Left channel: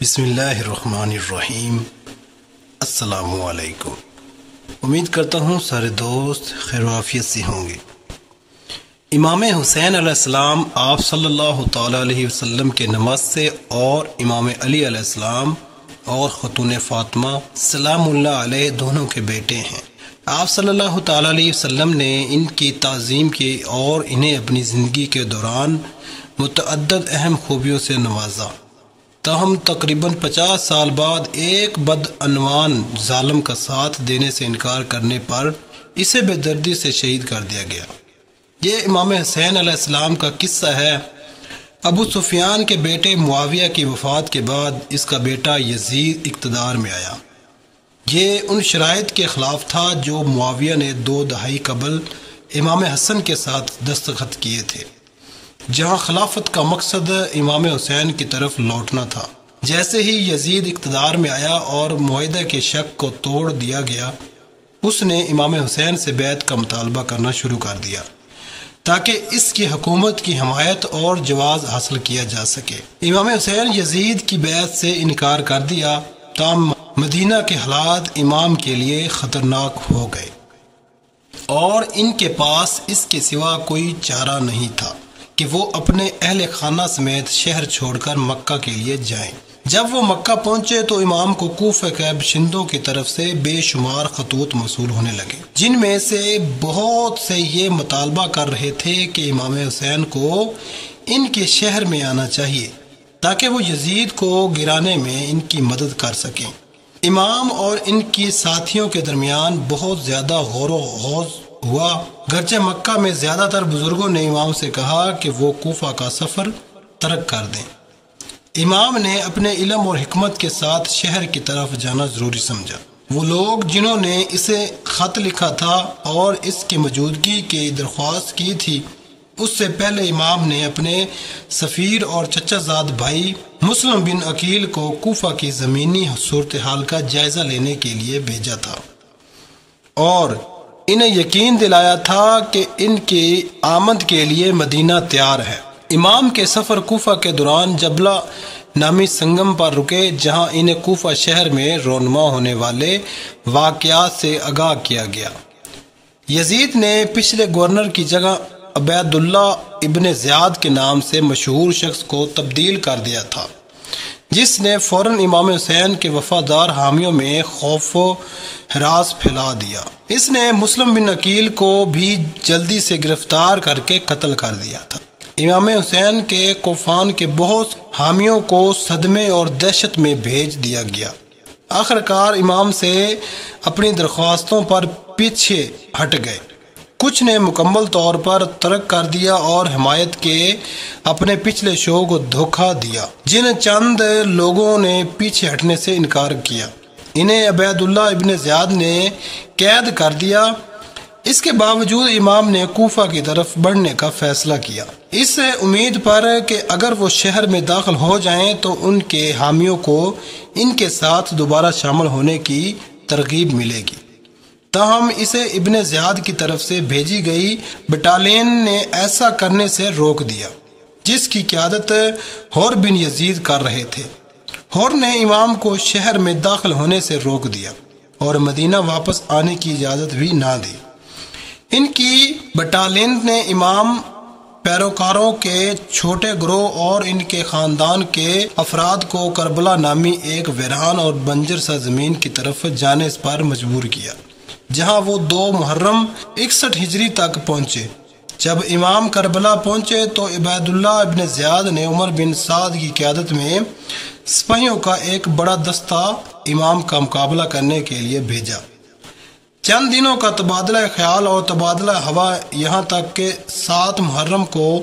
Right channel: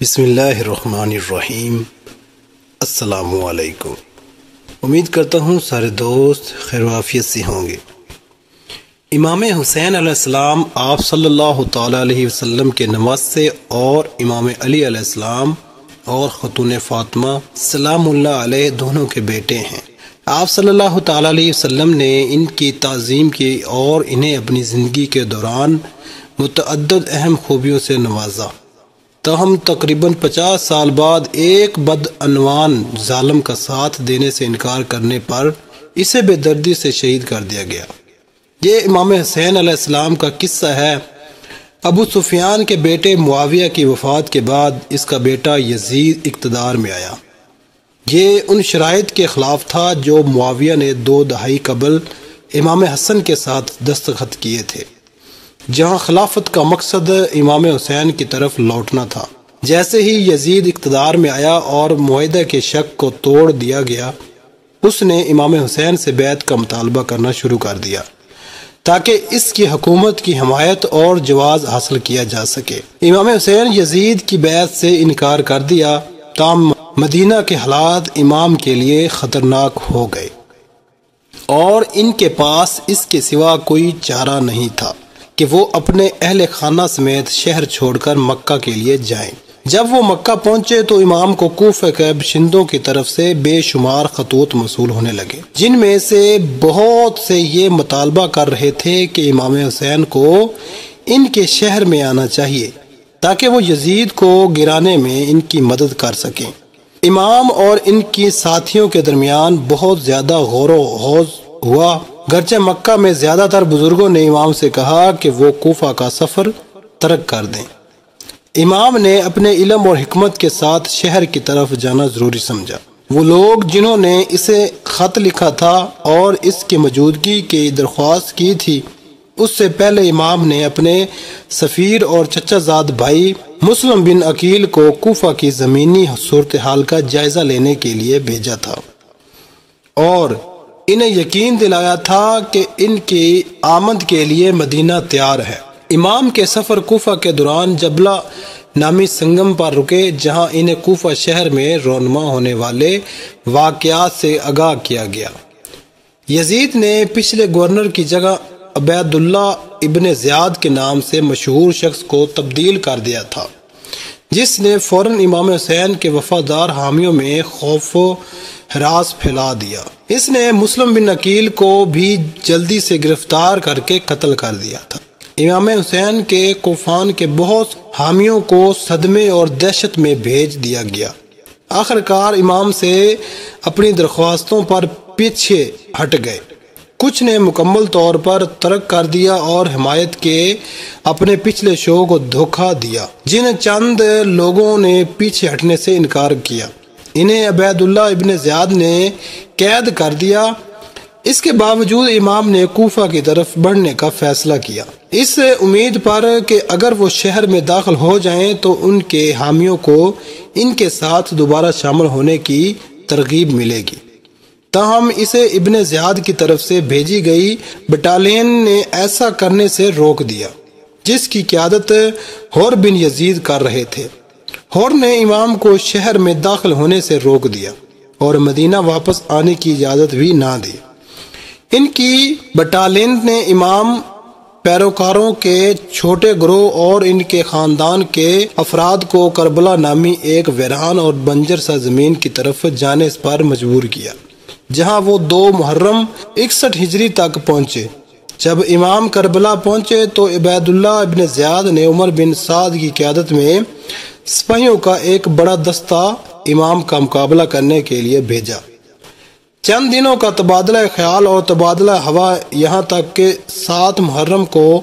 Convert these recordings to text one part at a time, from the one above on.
بسم اللہ الرحمن الرحیم۔ السلام علیکم۔ امید کرتا ہوں سارے دوست خیر و عافیت سے ہوں گے۔ امام حسین علیہ السلام آپ صلی اللہ تعالی علیہ وسلم کے نواسے اور امام علی علیہ السلام اور خاتون فاطمہ سلام اللہ علیہ دونوں کے بیٹے ہیں۔ آپ صلی اللہ تعالی علیہ وسلم نے ان کی تعظیم کی اور انہیں اپنی زندگی کے دوران متعدد اہم خوبیوں سے نوازا، تاہم تقریباً 50 سال بعد ایک بدعنوان ظالم کا ساتھ دینے سے انکار کرنے پر اسے بے دردی سے شہید کر دیا گیا۔ یہ امام حسین علیہ السلام کا قصہ ہے۔ ابو سفیان کے بیٹے معاویہ کی وفات کے بعد اس کا بیٹا یزید اقتدار میں آیا۔ یہ ان شرائط کے خلاف تھا جو معاویہ نے 2 دہائی قبل امام حسن کے ساتھ دستخط کیے تھے، جہاں خلافت کا مقصد امام حسین کی طرف لوٹنا تھا۔ جیسے ہی یزید اقتدار میں آیا اور معاہدے کے شک کو توڑ دیا گیا، اس نے امام حسین سے بیعت کا مطالبہ کرنا شروع کر دیا تاکہ اس کی حکومت کی حمایت اور جواز حاصل کیا جا سکے۔ امام حسین یزید کی بیعت سے انکار کر دیا، تاہم مدینہ کے حالات امام کے لیے خطرناک ہو گئے اور ان کے پاس اس کے سوا کوئی چارہ نہیں تھا کہ وہ اپنے اہل خانہ سمیت شہر چھوڑ کر مکہ کے لیے جائیں۔ جب وہ مکہ پہنچے تو امام کو کوفہ کے باشندوں کی طرف سے بے شمار خطوط موصول ہونے لگے، جن میں سے بہت سے یہ مطالبہ کر رہے تھے کہ امام حسین کو ان کے شہر میں آنا چاہیے تاکہ وہ یزید کو گرانے میں ان کی مدد کر سکیں۔ امام اور ان کی ساتھیوں کے درمیان بہت زیادہ غور و خوض ہوا، گرچہ مکہ میں زیادہ تر بزرگوں نے امام سے کہا کہ وہ کوفہ کا سفر ترک کر دیں۔ امام نے اپنے علم اور حکمت کے ساتھ شہر کی طرف جانا ضروری سمجھا۔ وہ لوگ جنہوں نے اسے خط لکھا تھا اور اس کی موجودگی کی درخواست کی تھی، اس سے پہلے امام نے اپنے سفیر اور چچا زاد بھائی مسلم بن عقیل کو کوفہ کی زمینی صورتحال کا جائزہ لینے کے لیے بھیجا تھا اور انہیں یقین دلایا تھا کہ ان کی آمد کے لیے مدینہ تیار ہے۔ امام کے سفر کوفہ کے دوران جبلہ نامی سنگم پر رکے، جہاں انہیں کوفہ شہر میں رونما ہونے والے واقعات سے آگاہ کیا گیا۔ یزید نے پچھلے گورنر کی جگہ عبید اللہ ابن زیاد کے نام سے مشہور شخص کو تبدیل کر دیا تھا، جس نے فوراً امام حسین کے وفادار حامیوں میں خوف و ہراس پھیلا دیا۔ اس نے مسلم بن عقیل کو بھی جلدی سے گرفتار کر کے قتل کر دیا تھا۔ امام حسین کے کوفان کے بہت حامیوں کو صدمے اور دہشت میں بھیج دیا گیا۔ آخرکار امام سے اپنی درخواستوں پر پیچھے ہٹ گئے، کچھ نے مکمل طور پر ترک کر دیا اور حمایت کے اپنے پچھلے شو کو دھوکہ دیا۔ جن چند لوگوں نے پیچھے ہٹنے سے انکار کیا، انہیں عبید اللہ ابن زیاد نے قید کر دیا۔ اس کے باوجود امام نے کوفہ کی طرف بڑھنے کا فیصلہ کیا، اس امید پر کہ اگر وہ شہر میں داخل ہو جائیں تو ان کے حامیوں کو ان کے ساتھ دوبارہ شامل ہونے کی ترغیب ملے گی۔ تاہم اسے ابن زیاد کی طرف سے بھیجی گئی بٹالین نے ایسا کرنے سے روک دیا، جس کی قیادت حر بن یزید کر رہے تھے۔ حر نے امام کو شہر میں داخل ہونے سے روک دیا اور مدینہ واپس آنے کی اجازت بھی نہ دی۔ ان کی بٹالین نے امام پیروکاروں کے چھوٹے گروہ اور ان کے خاندان کے افراد کو کربلا نامی ایک ویران اور بنجر سرزمین کی طرف جانے پر مجبور کیا، جہاں وہ 2 محرم 61 ہجری تک پہنچے۔ جب امام کربلا پہنچے تو عبید اللہ ابن زیاد نے عمر بن سعد کی قیادت میں سپاہیوں کا ایک بڑا دستہ امام کا مقابلہ کرنے کے لیے بھیجا۔ چند دنوں کا تبادلہ خیال اور تبادلہ ہوا، یہاں تک کہ 7 محرم کو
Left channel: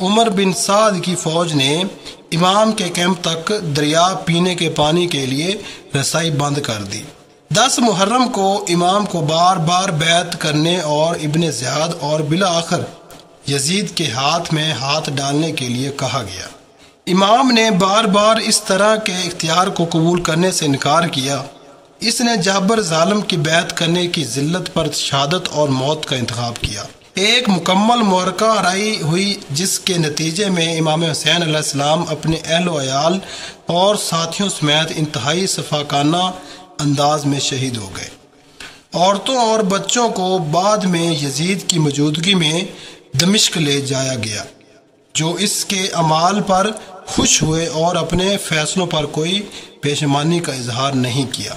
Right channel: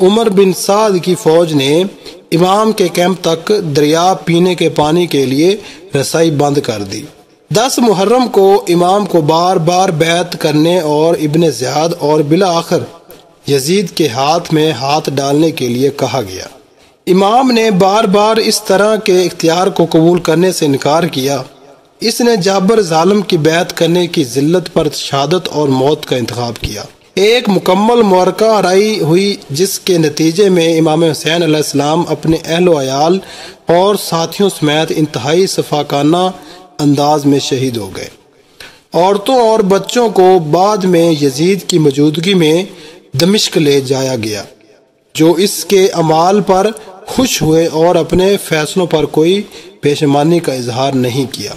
عمر بن سعد کی فوج نے امام کے کیمپ تک دریا پینے کے پانی کے لیے رسائی بند کر دی۔ 10 محرم کو امام کو بار بار بیعت کرنے اور ابن زیاد اور بالآخر یزید کے ہاتھ میں ہاتھ ڈالنے کے لیے کہا گیا۔ امام نے بار بار اس طرح کے اختیار کو قبول کرنے سے انکار کیا۔ اس نے جابر ظالم کی بیعت کرنے کی ذلت پر شہادت اور موت کا انتخاب کیا۔ ایک مکمل معرکہ رائی ہوئی، جس کے نتیجے میں امام حسین علیہ السلام اپنے اہل و عیال اور ساتھیوں سمیت انتہائی شفاقانہ انداز میں شہید ہو گئے۔ عورتوں اور بچوں کو بعد میں یزید کی موجودگی میں دمشق لے جایا گیا، جو اس کے اعمال پر خوش ہوئے اور اپنے فیصلوں پر کوئی پشیمانی کا اظہار نہیں کیا۔